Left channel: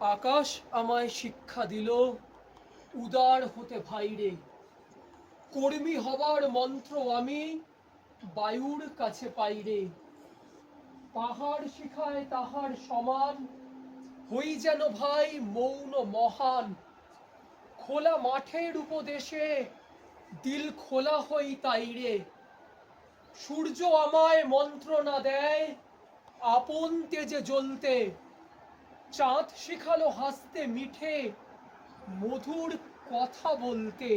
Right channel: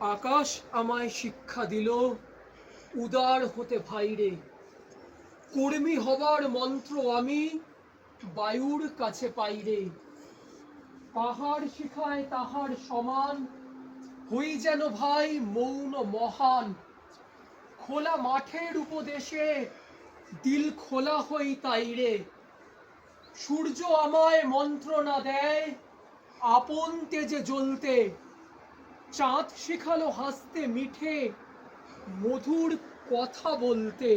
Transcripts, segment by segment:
আকাশ আমায় শিক্ষা দিল উদার হতে ভাইরে, কর্মী হবার মন্ত্র আমি বায়ুর কাছে পাইরে। পাহাড় শিখায় তাহার সমান, হই যেন ভাই মৌন মহান। খোলা মাঠের উপদেশে দিল খোলা হই তাইরে। সূর্য আমায় মন্ত্রণা দেয় আপন তেজে জ্বলতে। চাঁদ শিখালো হাসতে মিঠে মধুর কথা বলতে।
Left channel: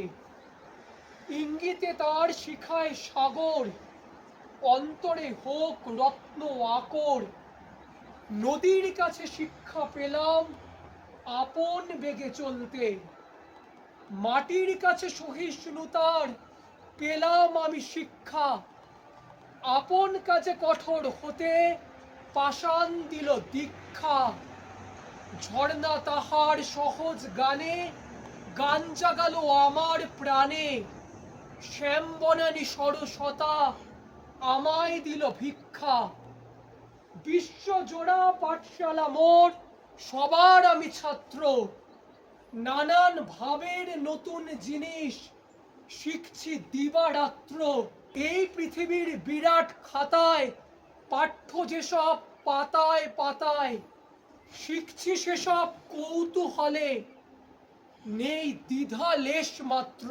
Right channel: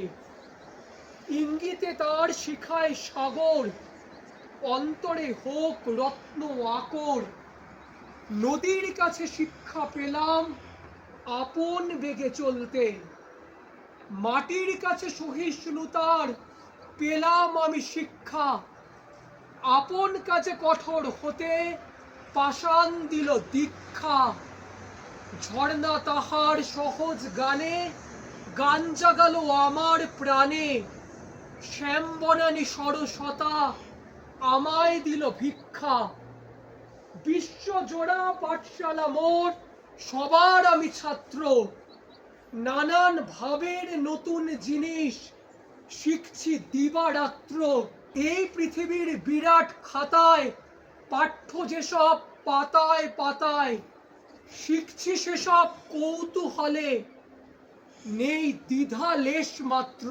ইঙ্গিতে তার শিখায় সাগর, অন্তরে হোক রত্ন আকর। নদীর কাছে শিক্ষা পেলাম আপন বেগে চলতে। মাটির কাছে সহিষ্ণুতার পেলাম আমি শিক্ষা। আপন কাজে কঠোর হতে পাষাণ দিল দীক্ষা। ঝর্ণা তাহার সহজ গানে গান জাগালো আমার প্রাণে। শ্যাম বনানী সরসতা আমায় দিল ভিক্ষা। বিশ্বজোড়া পাঠশালা মোর, সবার আমি ছাত্র। নানান ভাবের নতুন জিনিস শিখছি দিবারাত্র। এই পৃথিবীর বিরাট খাতায় পাঠ্য যেসব পাতায় পাতায়, শিখছি সেসব কৌতূহলে, নেই দ্বিধা লেশ মাত্র।